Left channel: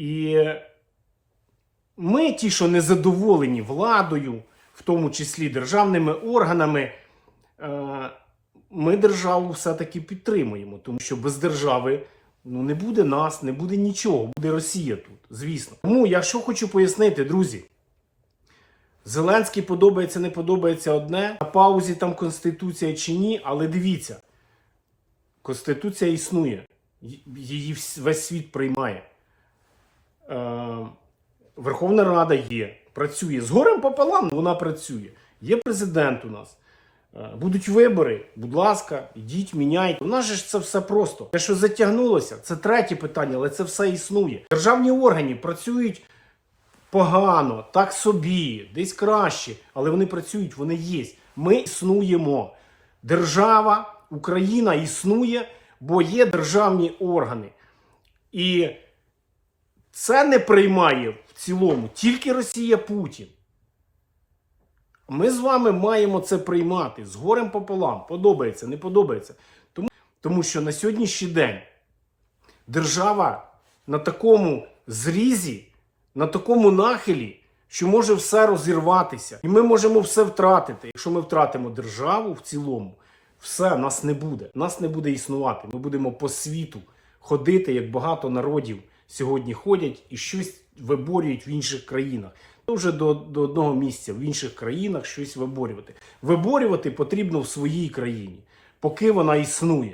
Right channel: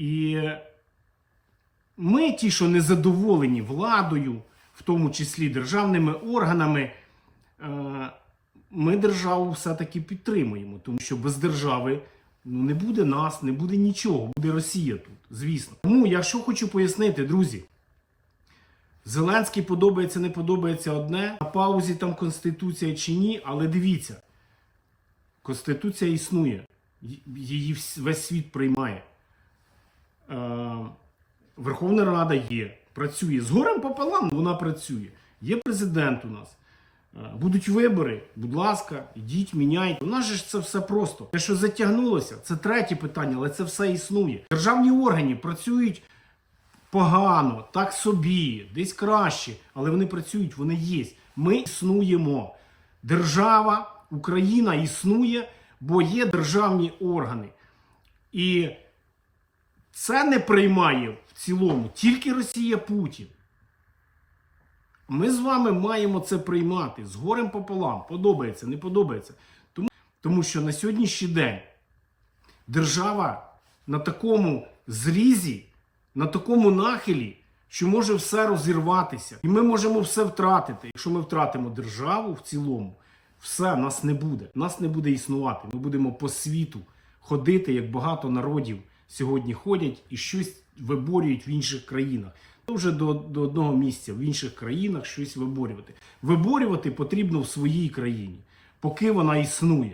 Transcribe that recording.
І ми, ті, що не задоволені владою, в тому числі державними органами, е, ми державу все-таки підтримуємо, тому що без держави ну, не буде нас, не буде нічого, буде Росія тут, звісно. Тому я що хочу пояснити, друзі. Зеленський подобається, не подобається одне. На паузі там Конституція чи ні, але дивіться, Конституція існує, її весь світ приймає. Е, Верховна Рада є, працює. З горем пополам вона працює. Є президент у нас. Е, Будуть вибори, будь ласка, йдіть, міняйте. У нас же ж це все просто. Те, що затягнулося, це третє питання, але це все існує. Державні органи працюють погано, так собі, десь краще, але вони працюють, вони є. Ми існуємо. Держава, Україна існує, бо є державні органи. І це не приймає в цілому тільки Росія Путін. Ми з вами маємо це приймати з горем пополам. Подобається, не подобається. Тому, тому що на сьогоднішній день держава на такому зрізі, на такому нахилі, що може все розірватися. І ми можемо все втратити. Якщо ми втратимо державу в цілому, все, нас не буде. Нас не буде існувати. Ми будемо по світу ходити, як багато народів сьогодні ходять і щось виборюють в інших країнах. То вже до, до одного місця в інших країнах щось виборювати. Виборювати потрібно в своїй країні, поки вона існує.